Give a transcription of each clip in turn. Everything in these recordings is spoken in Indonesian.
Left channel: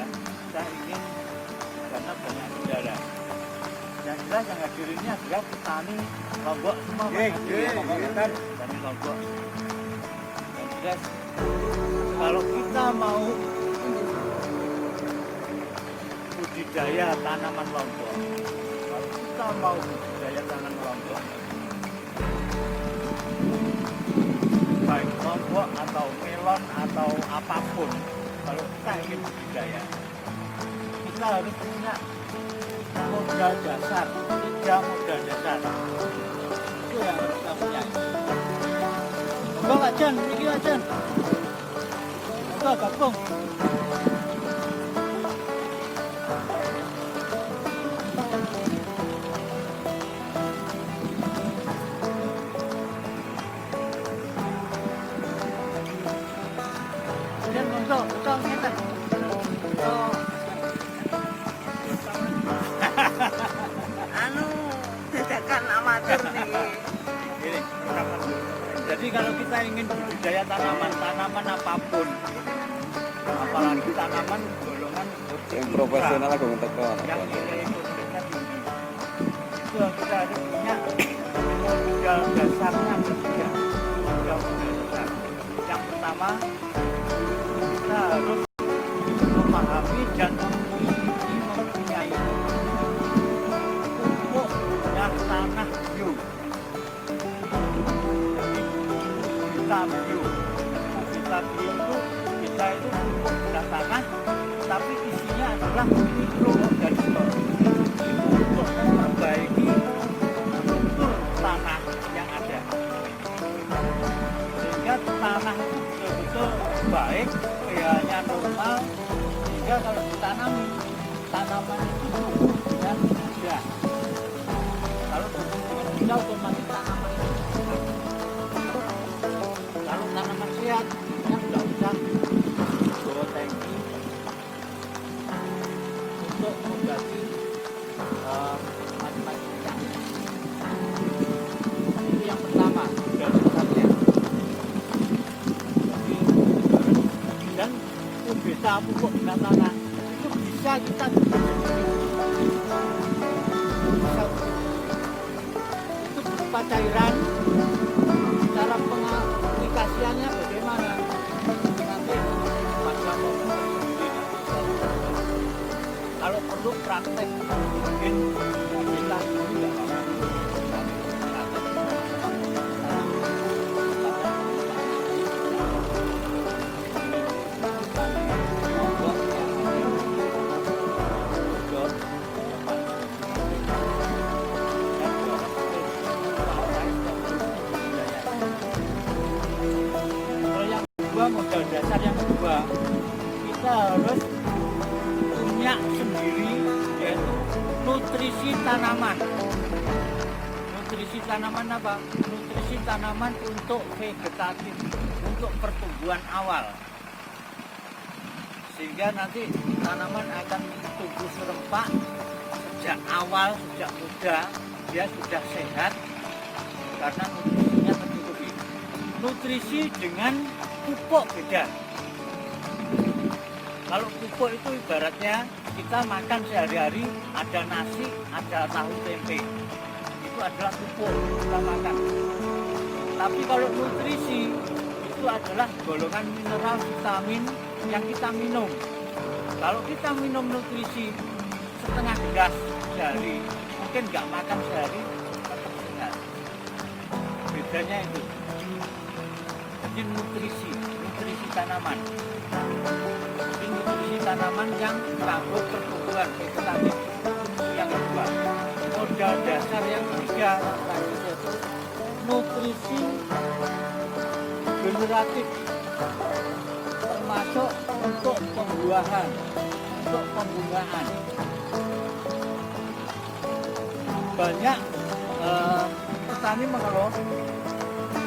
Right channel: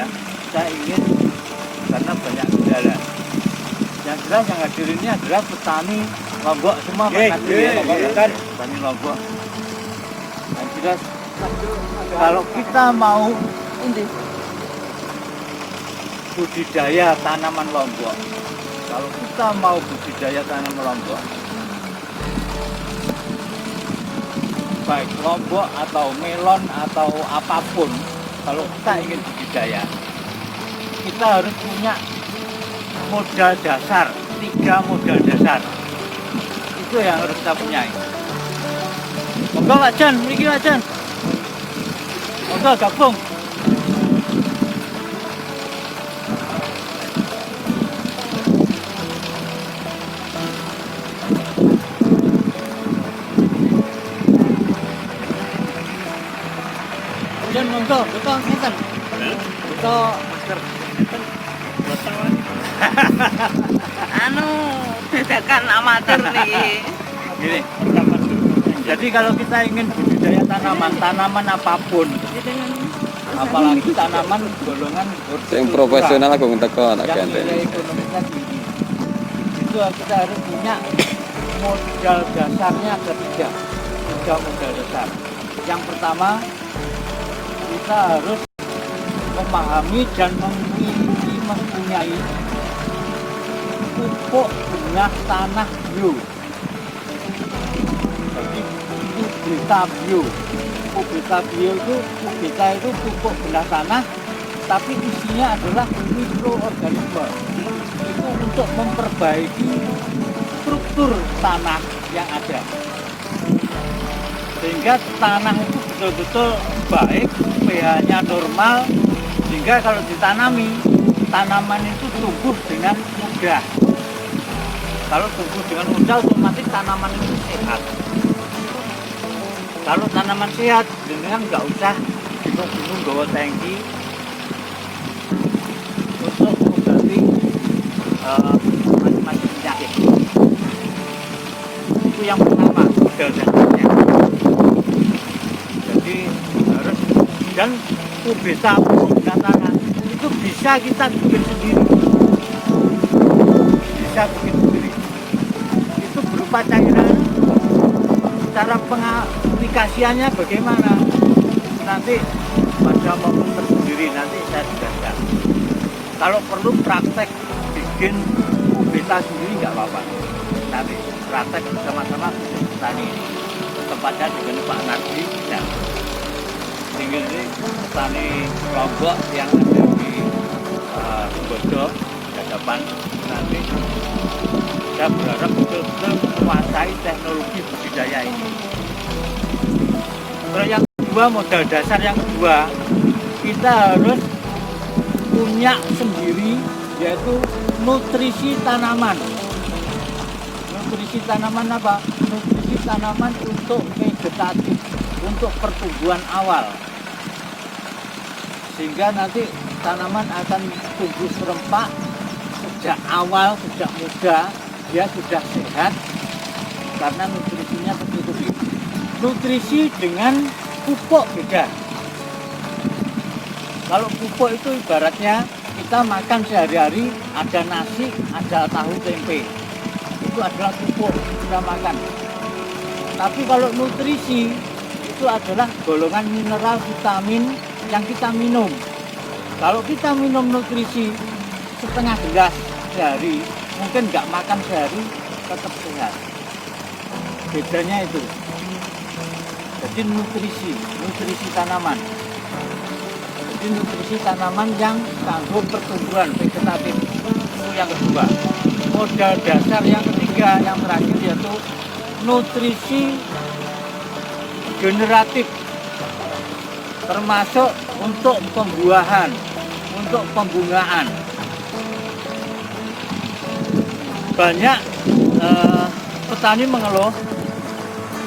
budidaya, kita ingin karena banyak kendala. Yang jelas yang hadir ini adalah petani Lombok semua, petani Lombok. Yang jelas kalau kita mau budidaya tanaman Lombok, baik Lombok atau melon atau apapun, kalau kita ingin budidaya, kita harus punya modal dasar, 3 modal dasar. Itu yang harus kita punya. Monggo Pak Jan, iki Pak Jan. Monggo gabung. Jan monggo, betul sinten? Betul. Bedakan amatir nih. Gini. Jadi kalau kita ingin budidaya tanaman apapun, apalagi tanaman golongan Yang profesional aku minta kau anak yang nilai ekonominya tinggi, itu kita harus punya modal dasarnya ada 3 modal dasar. Yang pertama, kita harus memahami dan mempunyai pupuk bunga tanah bio. Jadi Kubita bio. Kubita bio itu pupuk bunga tanah, tapi isinya adalah mikroorganisme. Itu untuk memperbaiki struktur tanah yang ada. Sehingga tanah itu betul-betul baik, pH-nya normal, sehingga kalau ditanami, tanaman itu tumbuh dengan mudah. Kalau tumbuh dengan mudah, otomatis tanaman itu sehat. Kalau tanaman sehat, dengan nggak usah bingung-bingung bawa tangki untuk mengobati macam-macam penyakit. Itu yang pertama, modal dasarnya. Jadi harus, dan kubeta pupuk tanah itu bisa kita bikin sendiri. Itu berupa cairan. Cara pengaplikasiannya bagaimana? Nanti pada momen tersendiri nanti saya jelaskan. Kalau perlu praktek bikin kubeta sendiri nggak apa-apa. Nanti praktek sama-sama tadi tempatnya dengan Pak Nardi bisa. Ini petani Lombok yang ada di Bodok depan nanti. Saya berharap betul-betul menguasai teknologi budidaya ini. Terus yang kedua, modal dasar yang kedua, kita harus punya sendiri, yaitu nutrisi tanaman. Nutrisi tanaman apa? Nutrisi tanaman untuk vegetatif, untuk pertumbuhan awal. Sehingga nanti tanaman akan tumbuh serempak sejak awal, sejak muda, dia sudah sehat karena nutrisinya tercukupi. Nutrisi dengan pupuk beda. Kalau pupuk itu ibaratnya kita makan sehari-hari, ada nasi, ada tahu tempe. Itu adalah pupuk kita makan. Tapi kalau nutrisi itu adalah golongan mineral, vitamin yang kita minum. Kalau kita minum nutrisi setengah gelas sehari, mungkin nggak makan sehari, tetap sehat. Bedanya itu. Jadi nutrisi tanaman. Jadi nutrisi tanaman yang kanggo pertumbuhan vegetatif. Itu yang kedua. Modal dasar yang ketiga, yang terakhir yaitu nutrisi generatif. Termasuk untuk pembuahan, untuk pembungaan. Banyak petani mengeluh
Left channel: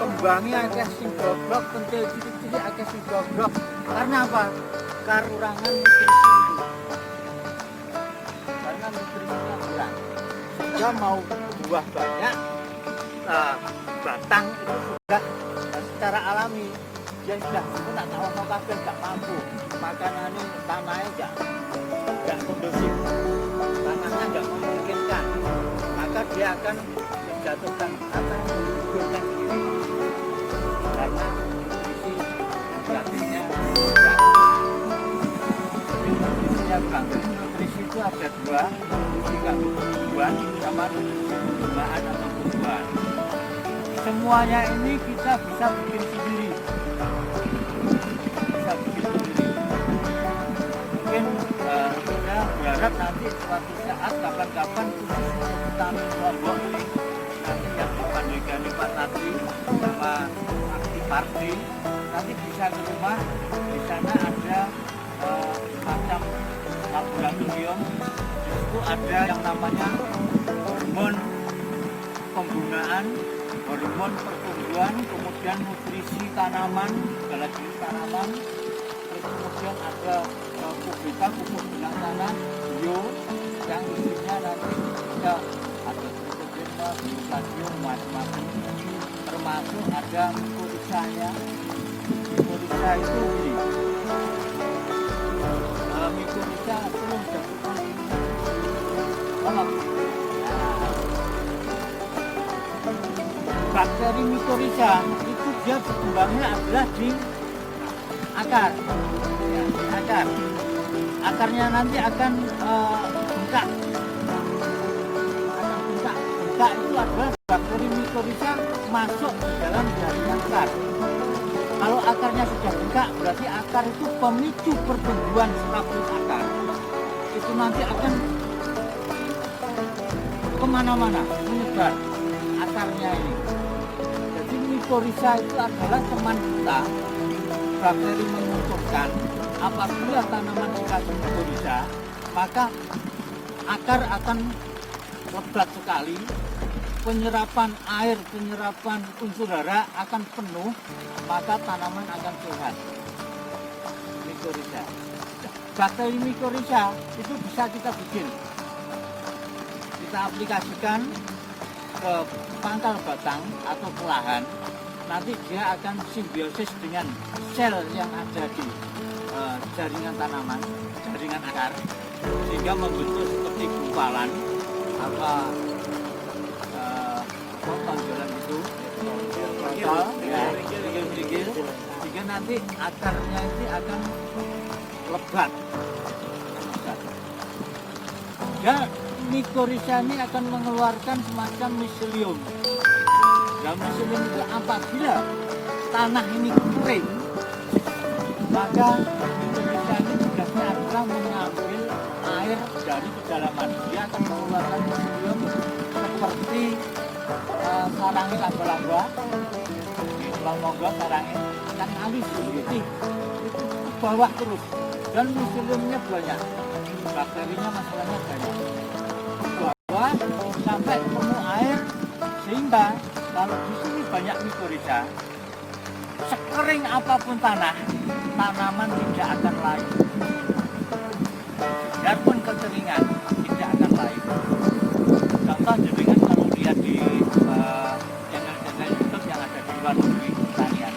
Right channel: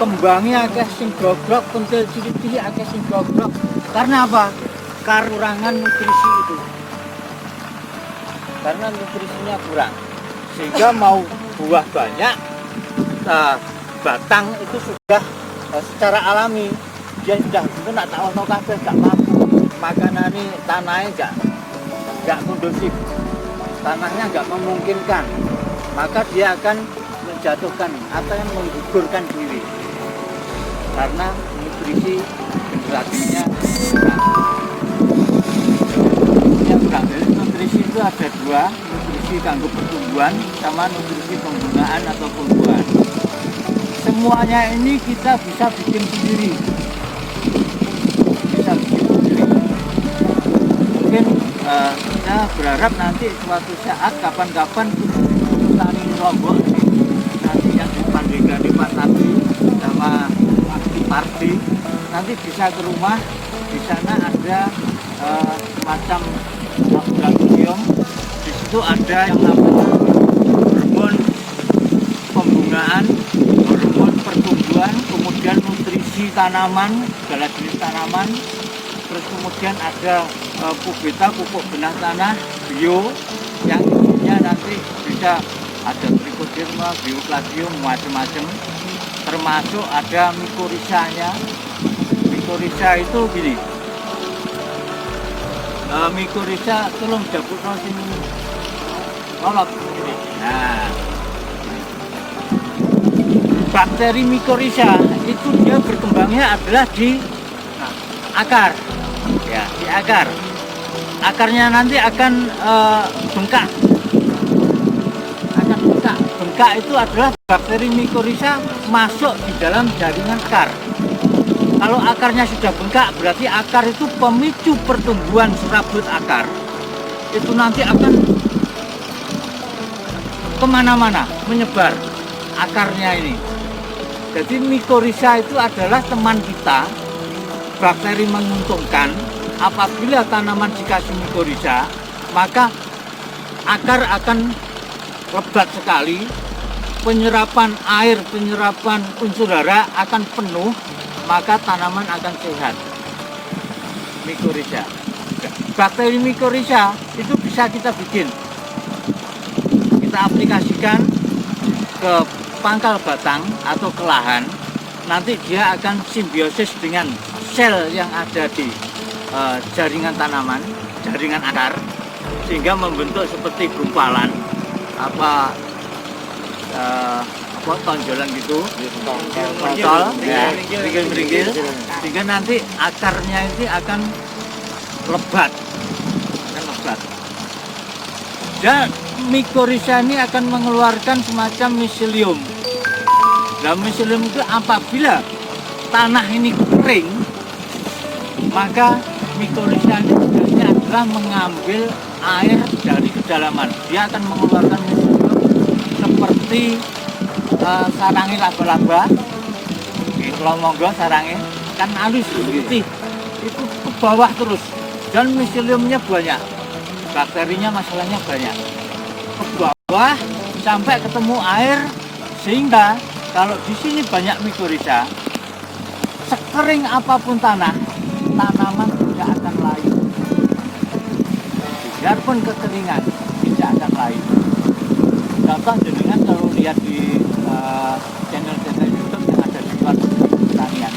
kembangnya akeh sing gogrok, pentil cilik-cilik akeh sing gogrok. Karena apa? Kekurangan nutrisi itu. Karena nutrisinya kurang. Sehingga mau buah banyak, batang itu sudah secara alami dia sudah pun tak tahu kabeh gak mampu. Makanan ini tanahnya kondusif, tanahnya nggak memungkinkan, maka dia akan menjatuhkan atau yang menggugurkan diri karena nutrisi gratisnya kurang. Ya kurang. Jadi nutrisi itu ada dua, nutrisi kanggo pertumbuhan sama nutrisi pembungaan atau pembuahan. Semuanya ini kita bisa bikin sendiri. Bisa bikin sendiri. Mungkin saya berharap nanti suatu saat kapan-kapan kami Lombok nanti yang depan Megalipad tadi sama Pardi nanti bisa ke rumah. Di sana ada semacam laboratorium. Di situ ada yang namanya hormon pembungaan, hormon pertumbuhan, kemudian nutrisi tanaman, segala jenis tanaman. Terus kemudian ada pupuk benah tanah bio yang isinya nanti bisa ada trichoderma, bioplasium, macam-macam. Termasuk ada mikorisanya. Mikorisa itu gini. Mikorisa tolong jabutno sing kolot. Nah, bakteri mikorisa itu dia berkembangnya adalah di akar, ya di akar. Akarnya nanti akan bengkak, bengkak itu adalah bakteri mikorisa masuk di dalam jaringan akar. Kalau akarnya sudah bengkak, berarti akar itu pemicu pertumbuhan serabut akar. Itu nanti akan kemana-mana, menyebar akarnya ini. Jadi mikorisa itu adalah teman kita, bakteri menguntungkan. Apabila tanaman dikasih mikorisa, maka akar akan lebat sekali, penyerapan air, penyerapan unsur hara akan penuh, maka tanaman akan sehat. Mikorisa. Bakteri mikorisa itu bisa kita bikin. Kita aplikasikan ke pangkal batang atau ke lahan. Nanti dia akan simbiosis dengan sel yang ada di jaringan tanaman, jaringan akar, sehingga membentuk seperti gumpalan apa tonjolan gitu, mentol, ya, ringgil-ringgil, sehingga nanti akarnya itu akan lebat, Dan mikorisa ini akan mengeluarkan semacam miselium. Nah, miselium itu apabila tanah ini kering, maka mikorisa ini tugasnya adalah mengambil air dari kedalaman. Dia akan mengeluarkan miselium seperti sarangnya laba-laba. Kalau monggo sarangnya kan halus putih, itu ke bawah terus dan miseliumnya banyak, bakterinya masalahnya banyak, ke bawah sampai ketemu air, sehingga kalau di sini banyak mikorisa, sekering apapun tanah, tanaman tidak akan layu. Biarpun kekeringan tidak akan layu. Contoh jenengan kalau lihat di channel-channel YouTube yang ada di luar negeri pertanian,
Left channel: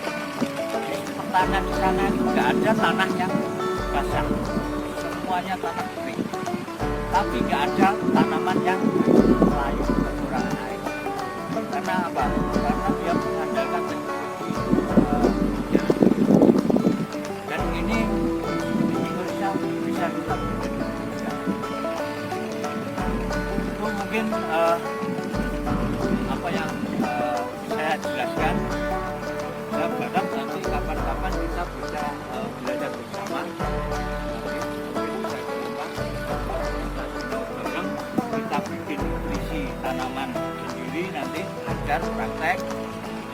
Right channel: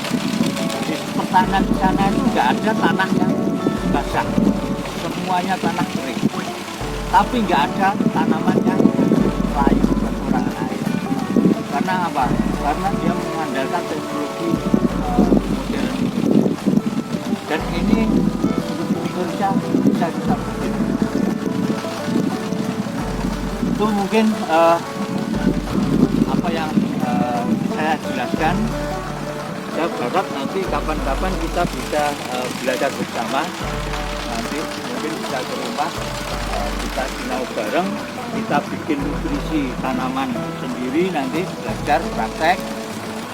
di pertanian di sana itu nggak ada tanah yang basah, semuanya tanah kering. Tapi nggak ada tanaman yang layu kekurangan air. Karena apa? Karena dia mengandalkan teknologi dan ini Indonesia bisa kita bikin. Itu mungkin apa yang saya jelaskan. Saya berharap nanti kapan-kapan kita bisa belajar bersama. Nanti mungkin bisa ke rumah, kita tinggal bareng, kita bikin nutrisi tanaman sendiri, nanti belajar praktek.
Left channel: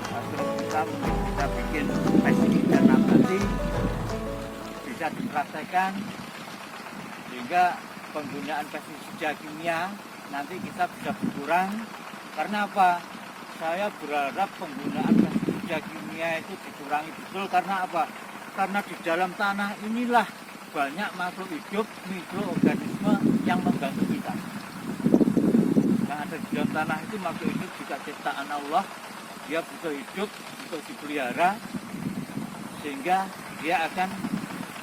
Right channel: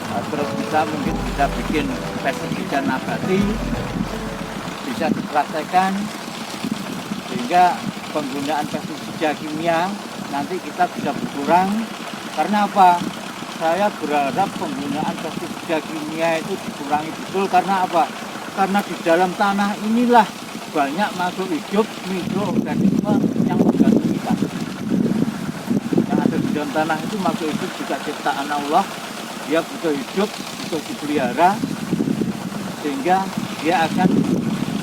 Terus kita mungkin bisa bikin pestisida nabati, bisa dipraktekkan, sehingga penggunaan pestisida kimia nanti kita bisa berkurang. Karena apa? Saya berharap penggunaan pestisida kimia itu dikurangi betul. Karena apa? Karena di dalam tanah inilah banyak makhluk hidup, mikroorganisme yang membantu kita. Yang ada di dalam tanah itu makhluk hidup juga ciptaan Allah. Dia butuh hidup, butuh dipelihara, sehingga dia akan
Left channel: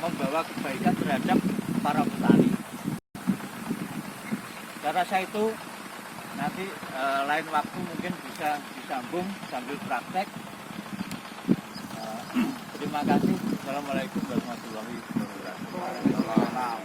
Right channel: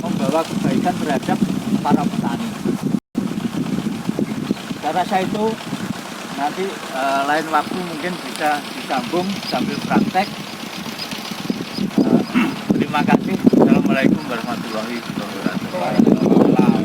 membawa kebaikan terhadap para petani. Saya rasa itu nanti lain waktu mungkin bisa disambung sambil praktek. Terima kasih. Assalamualaikum warahmatullahi wabarakatuh.